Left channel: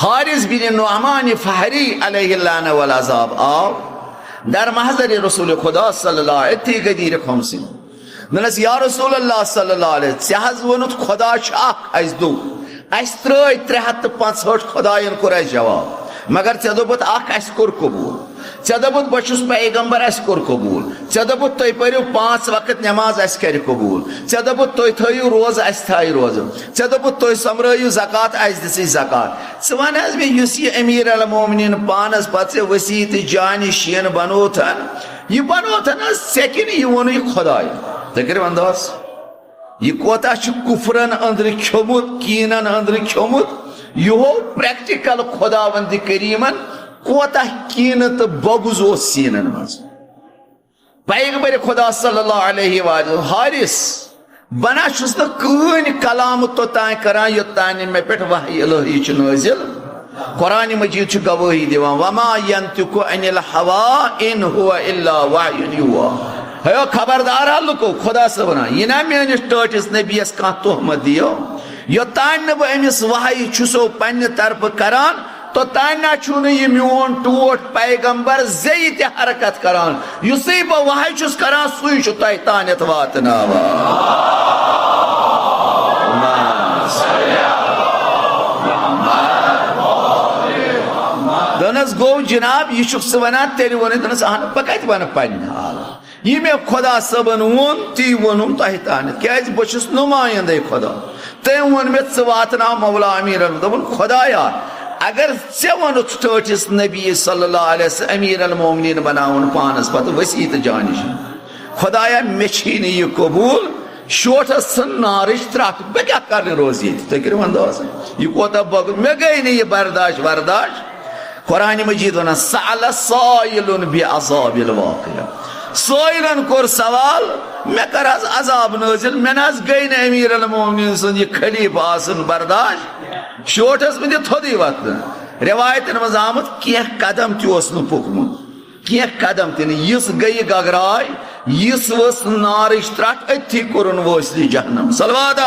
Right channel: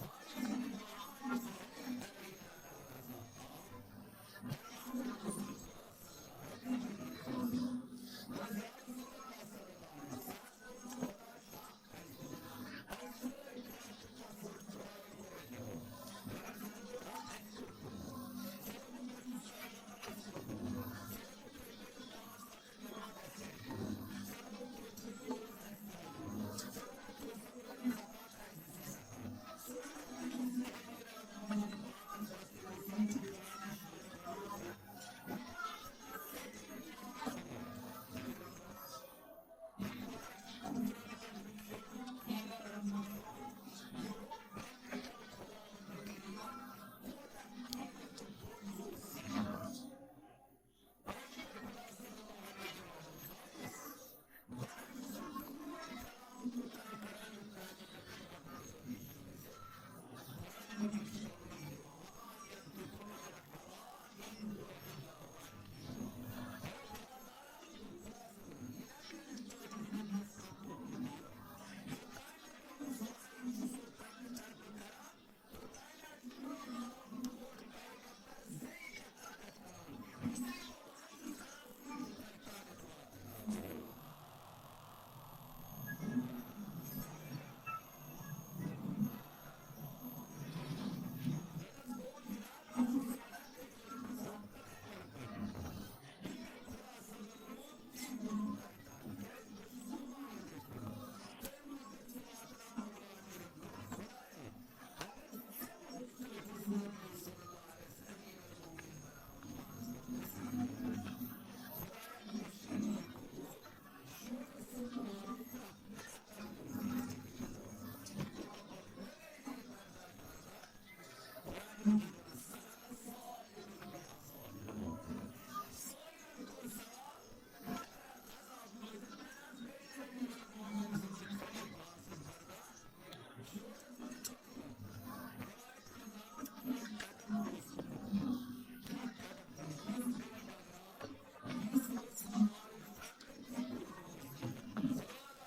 हारिस बिन नुअमान फहरी अलैहिल्लान वल अज़ाब आओ दर महज़र रसूल खुदा सल्लल्लाहु अलैहि वसल्लम गदीर खमसिन नस या रसूल अल्लाह सल्लल्लाहु अलैहि वसल्लम हज वनुत खुदा अस दो अस त्रै 365 खुदायन कोर अस जवाब मगर ऐ दोपुत अस कोर कबूल ऐ दोपुत बछुस पैगंबर अस कोर कबूल ऐ दोपुत तुम पढ़ो 5 वक्त नमाज अस कर कबूल ऐ दोपुत तुम थयु रोज अस थाय रोज ऐ दोपुत तुम समरयु ज़कात अस दिसि ज़कात स वन मे युस यह अमीर अल मोमिनीन पानस पे वसी तो जान शीन बनोथन यह बनोथन सेकिन यह वोन खुदाय तुम करो अंदाज यह कोता कुफरन अंदर खोमुत कीनन अंदर खोमुत यो प्रैक्टिकल खुदावंद करीमन कोता कीन तो बगुज सीनन मज पैगंबर खुदा सल्लल्लाहु अलैहि वसल्लम हारिस बना छुस न कन कलाम तोतान करान योतान मे पे वही इलाही नाजिल कुरान मजीद गवाही दिवान वमा यंतिकु अनिल हवा इन हुवा इल्ला वह्युन युहा है खबरदार लुको खुदा से वना यह ना मेनिस टटिस नबीस कह तोहमत दियो योतान बह अमिस वही छुसो पन्ने तरफ करान तो ताना छु यह मोन टोट पैगंबर जे ते हरकत करान युसै बह वही छुस करान सुई छु तय तानत वातनावा दनस गो जनाब यह वना तेल वन दनस अहन बह कत वन पन्न हाल यह मे खुदा सबन वोन ती वोनुम तह तान क्या बहुस नुमाइंदे खुदा तम वोन मे वातना मौला अमीर दोपन खुदाया अगर ऐ वन टटिस नबी सल्लल्लाहु अलैहि वसल्लम अमीर अल मोमिनीन बनावन पानस पे वसी तो जानिश खुदाया मे यह कबूल शोटस नारिश त्रक बह क्या कर रोज ये तुम करो अंदाज यह कोता बग मे गई नहीं यह बर्दाश्त वरदाश्त कुरान मजीद वन सअल साइलुन बिअज़ाबिल वाक़िअ सोइलन कोर सवाल मे कर अजाब नाजिल मे न गई न अमीर अल मोमिनीन सुन यह खलीफा आसन बर्दाश्त शोटस मे थोदी वत रिवायतन मज आमत कह कदम तह पुकमुत कह कदम तह यस गई गगराय यस वस नारिश त्रट अथी कोरन वसली जहन्नम सलवात